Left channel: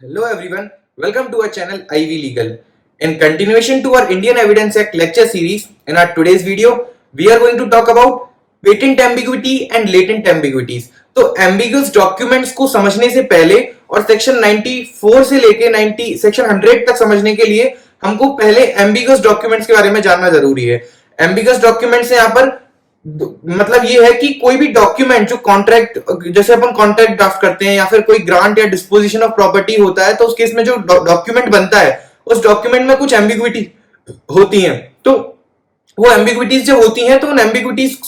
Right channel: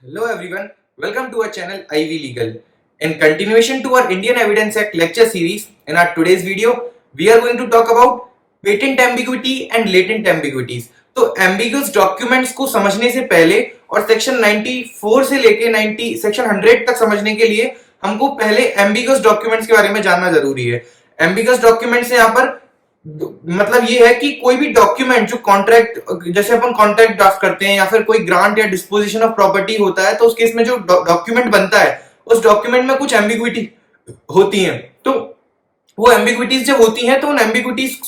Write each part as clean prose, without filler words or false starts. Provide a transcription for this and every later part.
Hello everyone, welcome to our channel Ivy Legal. In continuation to our Indian Evidence Act lecture series, in our today's video, we are going to talk about patent ambiguity and latent ambiguities. तो ambiguous documents को समझने से पहले और section 94 से लेके 90 section 100 तक समझने के लिए हमको पहले ambiguous documents के बारे में जानना जरूरी है. ambiguous documents यहाँ पर मतलब ये है कि कोई भी डॉक्यूमेंट जो कॉन्ट्रैक्ट जैसे अपन कॉन्ट्रैक्ट ड्राफ्ट करते हैं या फिर कोई ग्रांट या डिस्पोजिशन ऑफ प्रॉपर्टी होता है तो उस केस में जो डॉक्यूमेंट बनता है उस डॉक्यूमेंट में कुछ एम्बिग्विटी होती है. तो वो एम्बिग्विटीज जब होती हैं तो उन एम्बिग्विटीज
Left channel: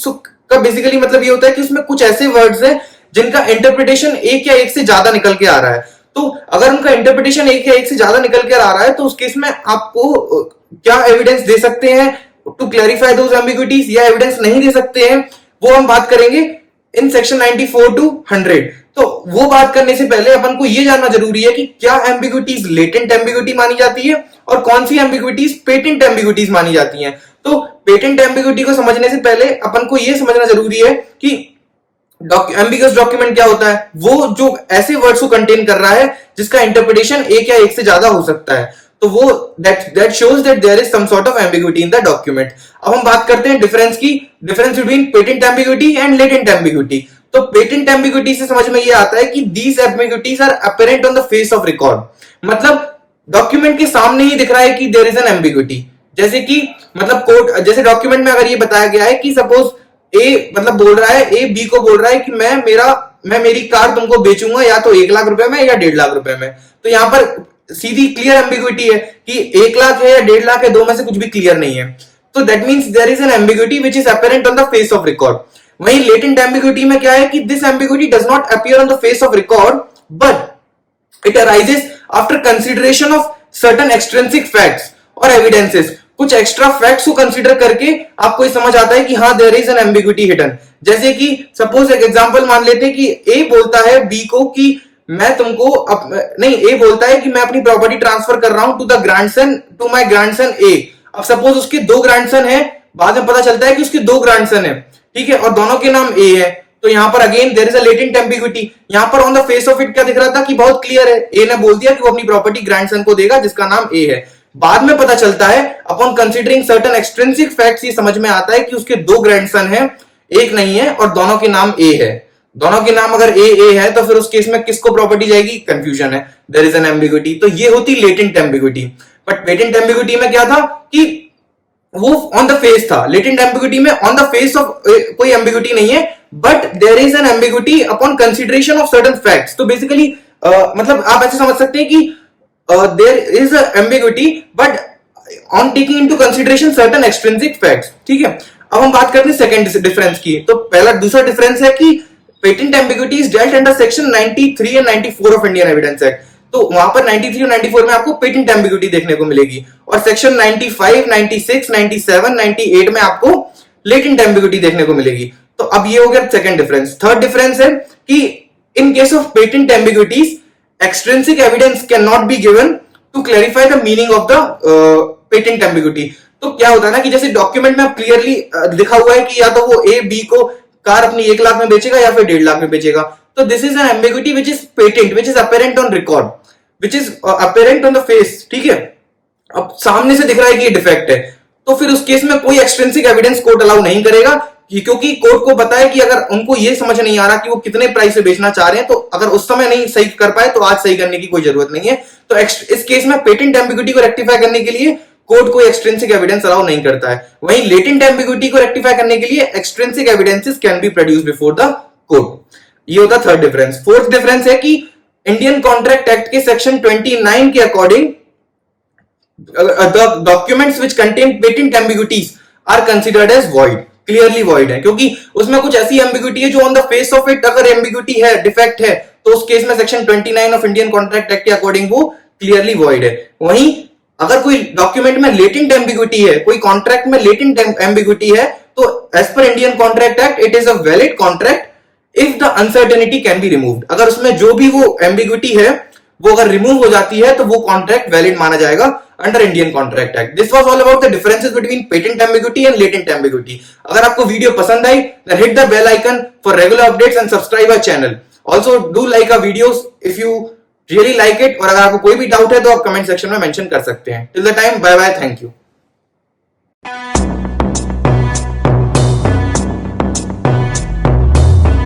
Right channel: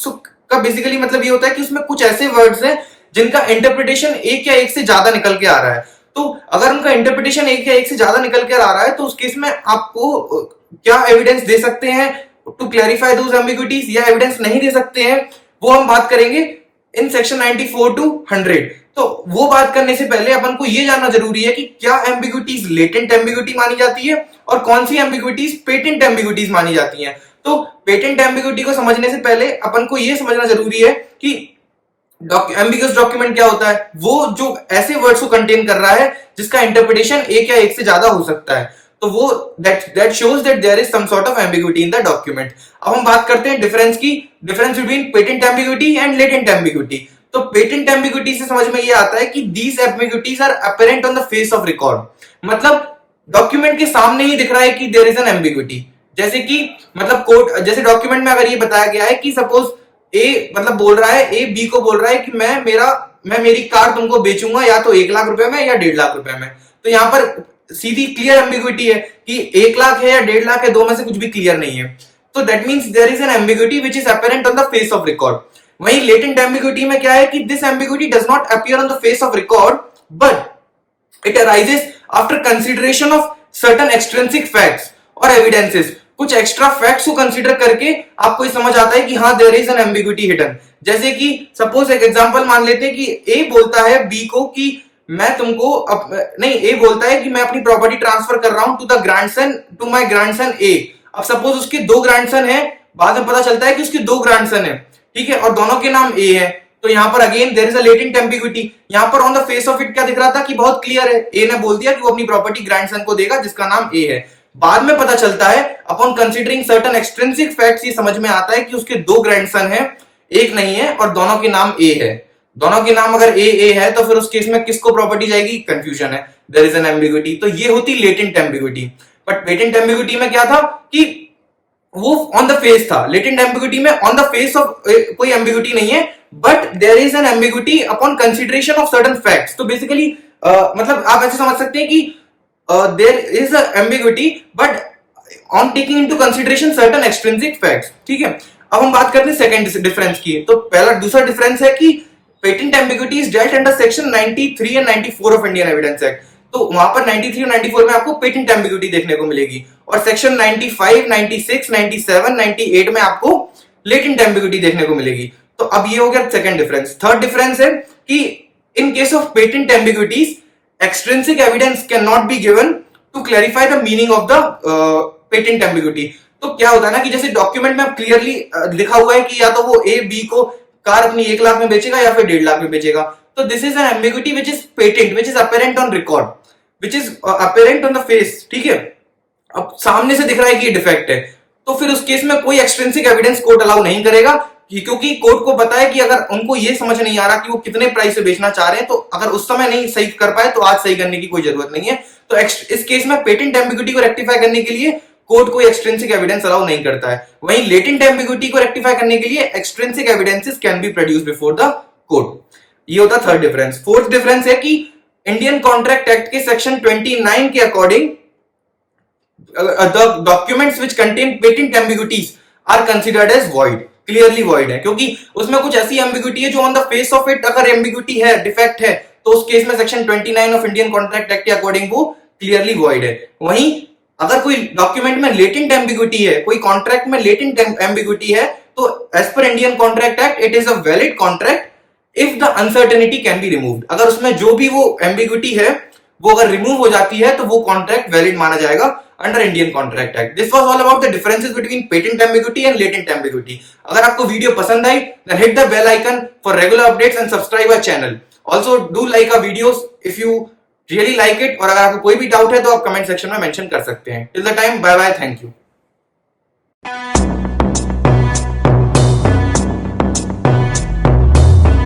का बेसिकली मतलब ये होता है कि उसमें कुछ ऐसे वर्ड्स हैं जिनका इंटरप्रिटेशन एक या एक से ज्यादा निकल के आ रहा है. तो अगर उनका इंटरप्रिटेशन एक या एक से ज्यादा निकल के आ रहा है तो उस केस में आपको क्या एविडेंस दे सकते हैं टू क्लैरिफाई दोज एम्बिग्विटीज या एविडेंस नहीं दे सकते हैं, वो हम बात करेंगे इन सेक्शन 94 टू 100. तो वो बात करने से पहले अपन को ये जानना जरूरी है कि क्या एम्बिग्विटीज लेटेंट एम्बिग्विटी मानी जाती है और कौन सी एम्बिग्विटीज पेटेंट एम्बिग्विटीज मानी जाती हैं. तो पेटेंट एम्बिग्विटी को समझने से पहले अपन को ये समझना जरूरी है कि एम्बिगस डॉक्यूमेंट क्या होता है. वो जो ऐसे वर्ड्स को कंटेन कर रहा है जिसका इंटरप्रिटेशन एक या एक से ज्यादा हो सकता है, तो वो that shows that there is some sort of ambiguity in the document. अब हम बात करते हैं डिफरेंस की, difference between patent ambiguity and latent ambiguity. तो पेटेंट एम्बिग्विटी से समझ में ये आता है कि these ambiguities are apparent on the face of record. मतलब डॉक्यूमेंट के सामने ही दिख रहा है कि there is an ambiguity. जैसे कि मतलब कोर्ट जैसे डॉक्यूमेंट में अगर ये बताया गया है कि सपोज ए मतलब बोल रहा है, ए बी को बोल रहा है कि मैं मेरी कार तुमको बेचूंगा या तो 1 लाख रुपए में या 1.5 लाख रुपए में. तो यहां पर सीधी क्लियर एम्बिग्विटी है कि 1 लाख है या 1.5 लाख है, दो में से कुछ भी क्लियर नहीं है. तो that means there is an ambiguity which is apparent on the face of record. वहीं लेटेंट एम्बिग्विटी में क्या है कि this ambiguity does not appear on the face of record but it arises after consideration of certain extrinsic facts और evidences. कुछ extra facts को consider करके आपको ये समझ आता है कि हाँ there is an ambiguity hidden. जैसे कि सपोज एक एग्जांपल मान लेते हैं कि ए बोलता है बी को कि मैं तुमको नहीं, ए बोलता है कि मैं अपनी प्रॉपर्टी ट्रांसफर कर रहा हूं टू माय ग्रैंडसन ए. अब सपोज उसके 2 ग्रैंडसन है, बाद में पता चलता है कि उसके 2 ग्रैंडसन है, ठीक है, और दोनों के नाम ए है. तो यहां पर again there is a latent ambiguity. यहां पर on the face of it क्या दिख रहा था कि बहुत क्लियर है, ए ने बोल दिया कि वो अपनी प्रॉपर्टी ग्रैंडसन को देगा जिसका नाम ए है. बाद में पता चलता है upon considering certain extrinsic facts ये समझ में आता है कि उसके 2 ग्रैंडसन है, एक नहीं है, और दोनों के नाम ए है. दोनों के नाम अगर ए है तो फिर उस केस में किसको प्रॉपर्टी जाएगी, कंफ्यूजन है, देयर इज एन एम्बिग्विटी. तो ये होती latent ambiguity. But patent ambiguity में क्या था कि वो ऑन द फेस था. लेटेंट एम्बिग्विटी में ऑन द फेस ऑफ कोई एम्बिग्विटी नहीं है but there is an ambiguity upon consideration of certain facts. तो बेसिकली मतलब आप ऐसे समझ सकते हैं कि there is a ambiguity but on taking into consideration certain extrinsic facts. ठीक है, अब हम बात करते हैं सेकंड डिफरेंस की. तो दूसरा डिफरेंस है कि patent ambiguity is dealt under section 93 and 94 of Indian evidence act. तो वहां पर 93 और 94 में आपको पेटेंट एम्बिग्विटी देखने को मिलेगी और सेक्शन 95, 96, 97, 98 में आपको लेटेंट एम्बिग्विटी देखने को मिलेगी. तो अब ये हो गया सेकंड डिफरेंस. थर्ड डिफरेंस है कि in case of patent ambiguities extrinsic evidence can not be given to clarify the meaning of the patent ambiguity. तो क्या होता है ना कि जैसे डॉक्यूमेंट में क्लियरली लिखा हुआ है कि या तो वो ए बी को कार अपनी 1 लाख में बेचेगा या फिर 1.5 लाख में बेचेगा. तो this is an ambiguity which is patent, which is apparent on record, which is apparent on the face. ठीक है, अब सामने से दिख रहा है कि ये डिफेक्ट है, तो फिर उस केस में कोई एक्सट्रिंसिक एविडेंस कोर्ट अलाउ नहीं करेगा क्योंकि कोर्ट को पता है कि अगर उनको ये समझ नहीं आ रहा कि वो कितने प्राइस से बेचना चाह रहे हैं, तो अगर उस समय नहीं सही कर पाए तो आज सही करने की कोई जरूरत नहीं है. तो इस केस में पेटेंट एम्बिग्विटी को रेक्टिफाई करने के लिए कोर्ट कोई एक्सट्रिंसिक एविडेंस अलाउ नहीं करता है. वहीं लेटेंट एम्बिग्विटी को रेक्टिफाई करने के लिए extrinsic evidences can be produce before the court. ये होता थर्ड डिफरेंस. फोर्थ डिफरेंस है कि इंडियन कॉन्ट्रैक्ट एक्ट के सेक्शन 29 के according the documents which contain patent ambiguities are considered as void, clearly void है, क्योंकि उसमें कुछ ऐसी एम्बिग्विटी है जो on the face of it अगर एम्बिग्विटी है, डिफेक्ट है, तो उस केस में section 29 of Indian contract act के अकॉर्डिंग वो क्लियरली वॉइड है. वहीं अगर कोई डॉक्यूमेंट में लेटेंट एम्बिग्विटी है, कोई कॉन्ट्रैक्ट में लेटेंट एम्बिग्विटी है, तो as per Indian contract act it is a valid contract if the uncertainty can be removed. अगर उसमें जो भी वो एम्बिग्विटी है वो अगर रिमूव हो जाती है तो वो कॉन्ट्रैक्ट वैलिड माना जाएगा under Indian contract act. This was all about the differences between patent ambiguity and latent ambiguity. अगर आपको वीडियो पसंद आई then hit the bell icon for regular updates and subscribe our channel. Also do like our videos if you really like it. और अगर आपको कोई भी doubt है तो आप कमेंट सेक्शन में मेंशन कर सकते हैं। Till the time, bye bye, thank you.